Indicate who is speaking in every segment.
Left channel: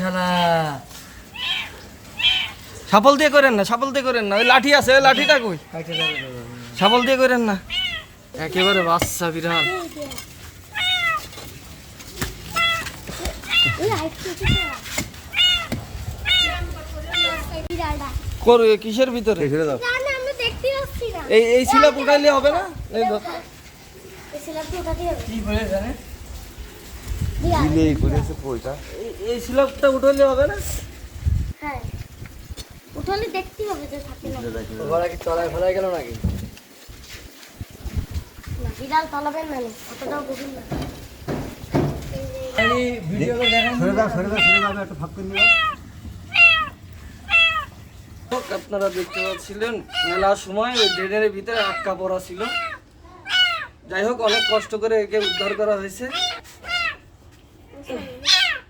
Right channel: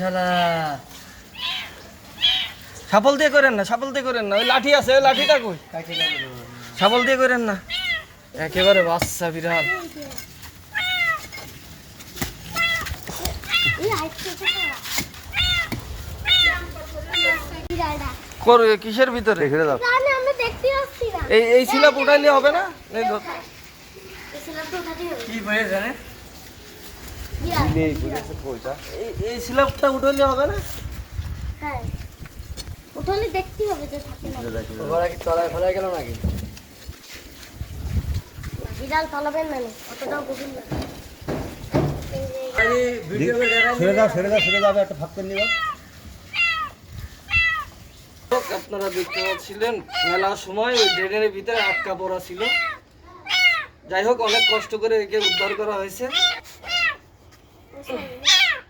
Speaker 1: শালা।
Speaker 2: সাপল দিয়ে করেন না সাপল দিয়ে করেন না। ওই লাঠি আছে ওই লাঠিটা কই সাপল দিয়ে করেন না। একেবারে বাচ্চা বিড়াল। করবে কিসের ভিতরে?
Speaker 3: রেখে দাও।
Speaker 4: আমরা দেখতে পাচ্ছি না।
Speaker 2: এই এই সিলাপ উঠাইলে হবে না? এই
Speaker 1: কি হয়ে জানে।
Speaker 3: দিলে করেছে কইটা
Speaker 2: এই- এই সিলাপটা উঠাইলে হবে না?
Speaker 4: হ্যাঁ। উঠলে দেখতে হবে যে থাকে
Speaker 1: ওরা কি তলায় ফলায় গেল নাকি?
Speaker 4: বিড়াল তলাবেন না অতটাও গভীর না।
Speaker 1: আরে ভিডিও করে দেখাই
Speaker 3: সরে দাও সরে দাও সরে দাও একটা ফাঁক করে নিবা
Speaker 2: আপনারা দেখতে পাচ্ছিলেন মেলার সময় ওই ড্রেনের ভিতরে আটকা পড়া ছিল। যাই হোক অনেক কষ্ট করে একে উদ্ধার করা হয়েছে।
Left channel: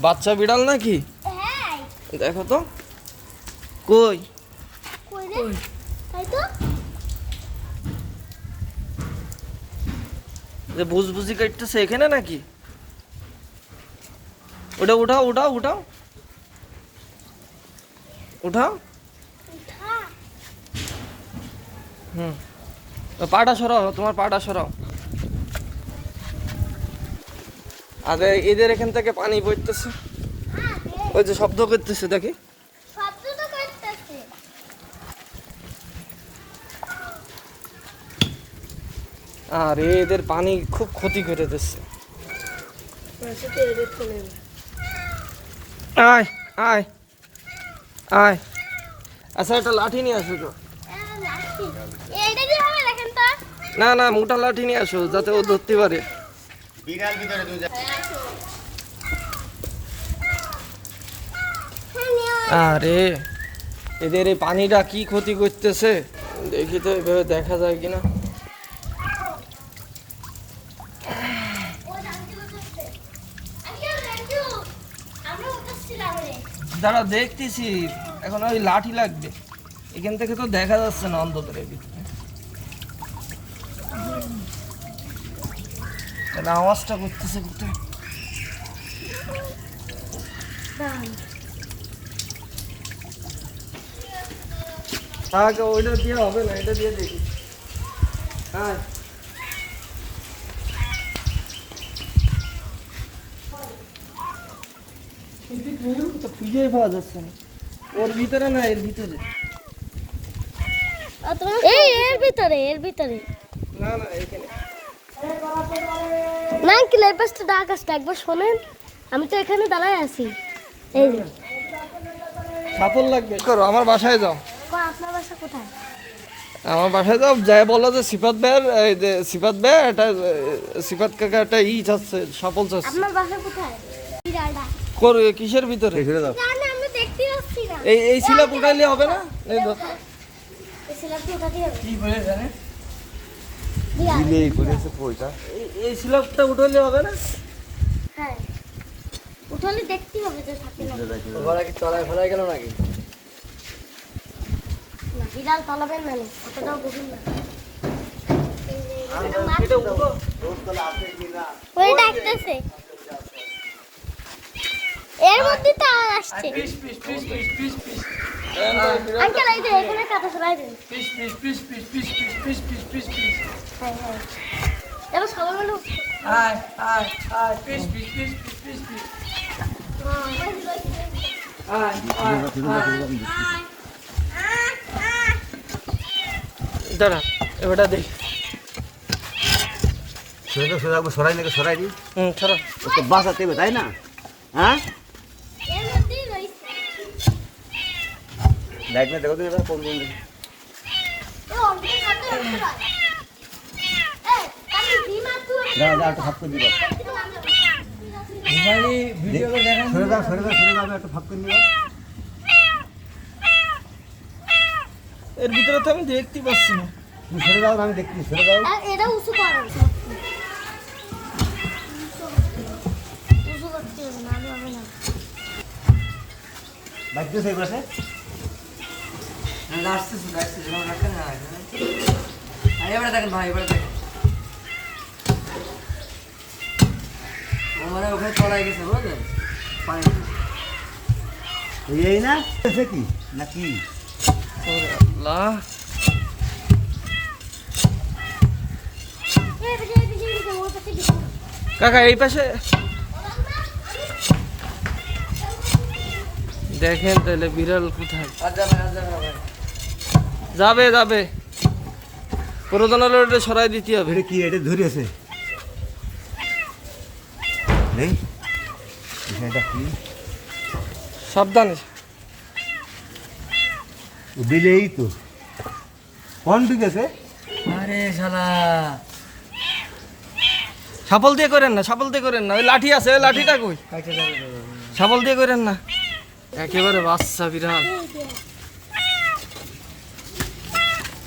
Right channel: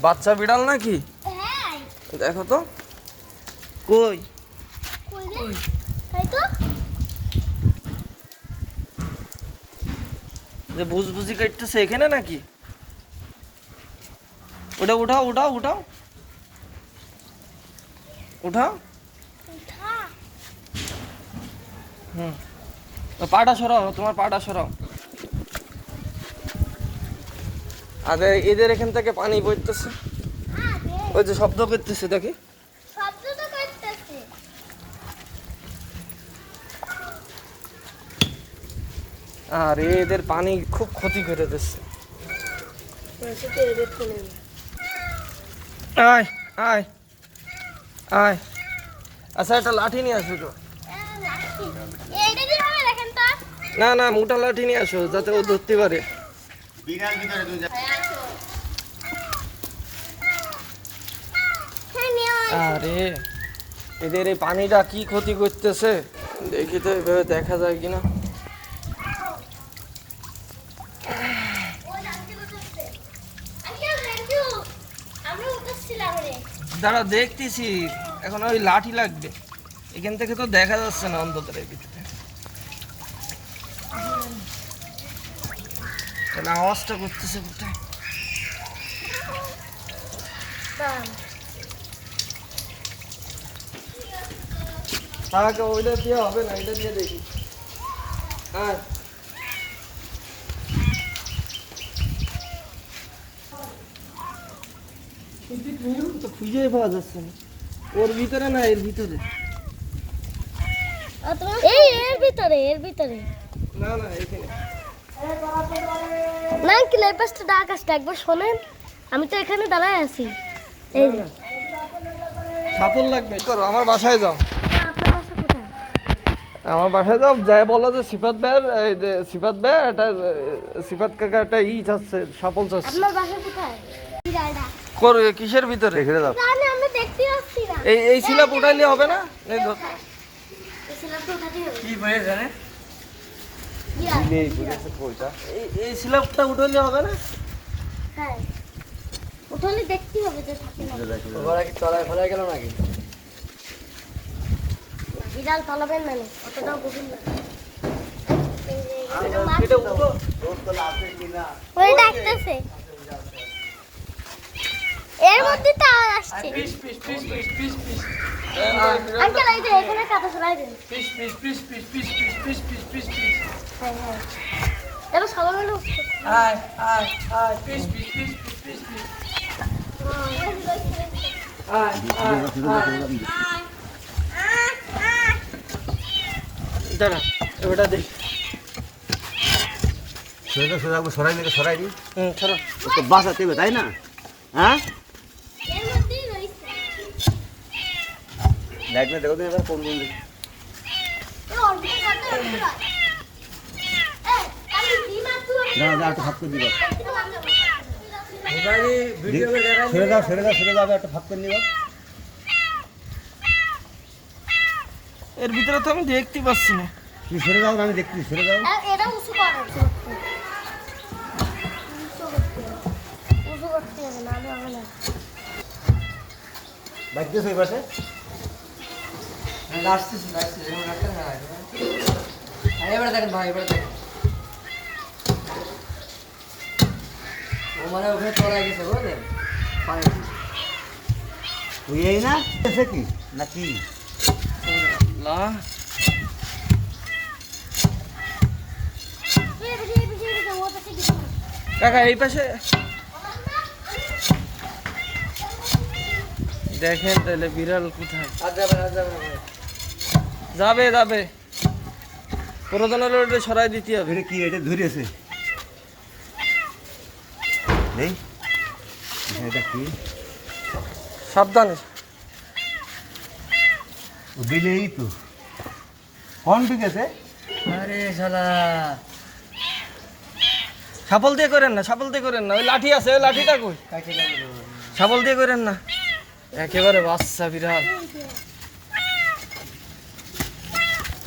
Speaker 2: বাচ্চা বিড়াল নাকি?
Speaker 4: হ্যাঁ।
Speaker 2: দেখো তো। কই? যে বুঝ বুঝি কাটতেছে এখানে নাকি? ওটা উঠাও উঠাও উঠাও। উঠাও।
Speaker 4: উঠা।
Speaker 2: হুম। পাটা সরাও তোমার পাটা সরাও। আগে এদের এখান থেকে পানি পড়তেছে ওই যে শব্দ করতেছে দেখি। আর এদের পানি খুব ক্ষতি করে দিচ্ছে। আয় আয় আয়। আচ্ছা একটা লাঠি নিয়ে আসো তো? না না মোটা লাঠি নিয়ে আসো যাতে ও ধরতে পারে।
Speaker 4: হ্যাঁ নিয়ে
Speaker 2: আরে, এদের এই পানিটা কি ক্ষতি করতেছে? দেখি তো এভাবে দেখা যায় কিনা। দাঁড়া, দেখতেছি। এখন ওই লাঠি লাগবে। এখান থেকে তো দেখা যাচ্ছে না অন্তত এই দিক থেকে। তাহলে আওয়াজটা করতেছে কোথায়? আগে ওইটা দিয়ে হবে না এটা দিয়ে দেখি। হ্যাঁ। তো খুঁজেই পাওয়া যাচ্ছে না। ওর ভিতরে না এর ভিতরে।
Speaker 4: এই এর ভিতরে এর ভিতরে।
Speaker 2: না না এখানে।
Speaker 4: না কি লেপাসটা ডাক আসতে একবার শোনেন। আমি তো এখানে দাঁড়ায় আছি। এই যে।
Speaker 2: সাপল লাগবে। করো আমার বাসায় যাও।
Speaker 4: আপনার বাসা কোথায়?
Speaker 2: আমার বাসায় যাও যাই বলো যে সিফাত ভাইয়ের এই যে সিফাত ভাই এটা সিফাত কাকা একটা ই চাচ্ছে সাপল চাচ্ছে।
Speaker 4: আপনার বাসা কোথায়?
Speaker 2: করো কিসের ভিতরে?
Speaker 3: রেখে দাও।
Speaker 4: জানি আমরা দেখতে পাচ্ছি না।
Speaker 2: এই এই সিলাপ উঠাইলে হবে না? এই ধর।
Speaker 4: এই ছেলেটা ওটাতে হবে।
Speaker 1: কি হয়ে জানে?
Speaker 3: দিলে করেছে কইটা
Speaker 2: এই এই সিলাপটা উঠাইলে হবে না?
Speaker 4: হ্যাঁ। উঠলে দেখতে হবে তো থাকে না
Speaker 1: ওরা কি তলায় ফলায় গেল নাকি?
Speaker 4: বিড়াল তলাবেন না অতটাও গভীর না। ওই ডাকতেছে। এর মধ্যে তো আওয়াজ আসছে
Speaker 1: piece piece piece piece piece piece
Speaker 4: uncle এই যে এখানে কাটা সরাই দেন
Speaker 1: piece piece piece piece piece piece piece piece piece piece
Speaker 4: হ্যাঁ হ্যাঁ এবার সবাই মিলে
Speaker 1: আয় আয় আয় piece piece piece piece piece piece আয় আয়
Speaker 2: দাঁড়া এবারটা দেখ
Speaker 3: সরে দাও সরে দাও সরাই নিয়ে সরাই দি
Speaker 2: হুম ছাড়া
Speaker 3: তো বাঁচাতে হবে তাই না হ্যাঁ बैग দেখো তো এবার
Speaker 4: यार कौन না
Speaker 3: একটা ভাগ করে মোবাইলে
Speaker 1: ভিডিও করে
Speaker 3: দেখাও দাও ফেলে দাও একটা ভাগ করে
Speaker 2: এর ভিতরে তো আমি দেখতে পাচ্ছি না।
Speaker 3: সরে যাও দাও আমি দেখতে ফেলে
Speaker 4: যাও। এটা না আমি
Speaker 1: আসতেছি আসতেছি এবারে দেখেন ভাই এবারে দেখেন ও মানে ওখানে চড়াই গেছে বুঝলেন
Speaker 3: এই না কি নাকি
Speaker 4: পাশে
Speaker 2: কাকা এই পাশে দেখেন তাহলে বিড়াল কোথায়?
Speaker 1: যাবে যাবে। না।
Speaker 2: যাবে যাবে প্রধান হলো সরাই দিতে হবে।
Speaker 3: এটা কি এটা ধরেছে? নেই? এটা কি?
Speaker 2: সাবধানে।
Speaker 3: ও দিলেই তো। কোন ঢুকেছে?
Speaker 1: আরে শালা।
Speaker 2: সাপল দিয়ে করেন না সাপল দিয়ে করেন না। ওই লাঠি আছে ওই লাঠিটা কই? সাপল দিয়ে করেন না। একেবারে বাচ্চা বিড়াল
Speaker 4: এই হাইট থেকে
Speaker 3: তা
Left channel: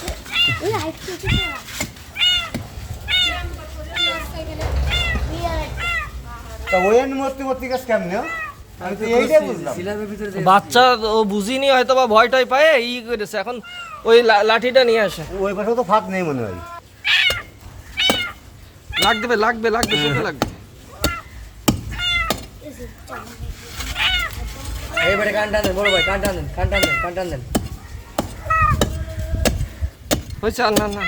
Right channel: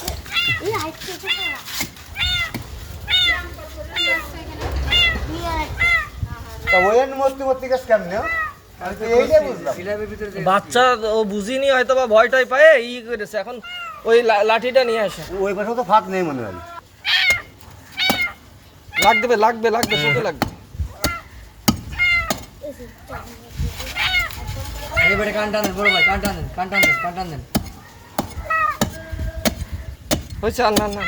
Speaker 3: ওই মূর্তি মূর্তি গাছ কেমনে আমি তো এইটাই বুঝলাম
Speaker 1: সিলাবের ভিতরে যে-
Speaker 2: বাচ্চা ও বুঝিনি হয়তো বা ভয় টয় পায়ে ই করেছে এখন ওই লা- লাঠিটা নিয়ে আসে।
Speaker 3: ওই পাশেও তো ফাঁক নেই মনে হয়।
Speaker 2: লাগবে লাগবে লাগবে শুধু লাগবে।
Speaker 1: এবারে কান টানেন বড় ভাই কান টানেন কান টানেন কান টানেন
Speaker 2: হয়েছে আর না না না।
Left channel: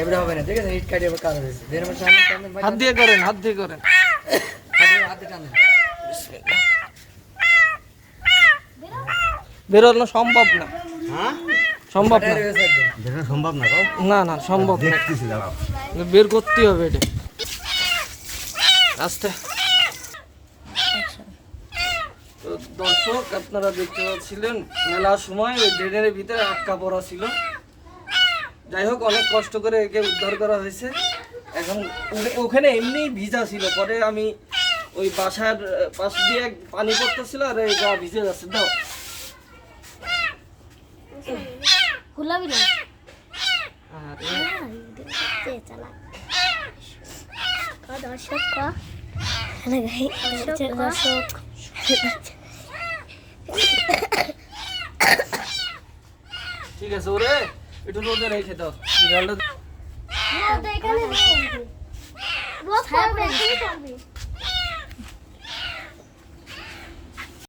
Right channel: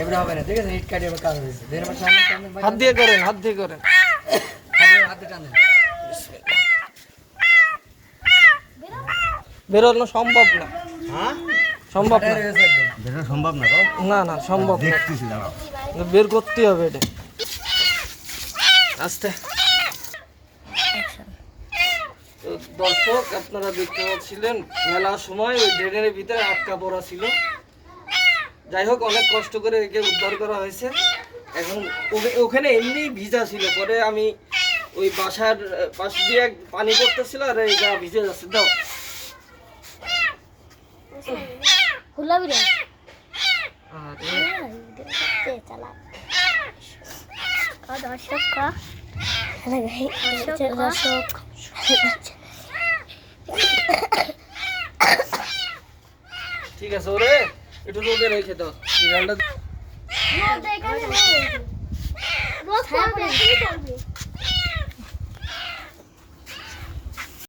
Speaker 1: এবারে হবে না ঠিক আছে? ইট কাটিয়ে কাজ হয়েছে।
Speaker 2: হাত দিয়ে করেন হাত দিয়ে করেন। বেরোনো সম্ভব না।
Speaker 3: হ্যাঁ?
Speaker 2: সম্ভব না।
Speaker 3: সম্ভব না
Speaker 2: না না সম্ভব না। বের করতে হবে এটা। আস্তে তো দর্শক আপনারা দেখতে পাচ্ছিলেন মেলার সময় ওই ড্রেনের ভিতরে আটকা পড়া ছিল। যাই হোক অনেক কষ্ট করে একে উদ্ধার করা হয়েছে। এখন ওখানে এমনি ভিজা ছিল। পরে আমি ওই বাসার পাশ দিয়ে পানি পড়তেছিল আর এই গা ভিজে যাচ্ছে। দাও।
Speaker 4: গুলাবি রে দর্শক দর্শক।
Speaker 2: আছে ওরে। একটু রোদে রেখে দাও।
Speaker 4: খাবে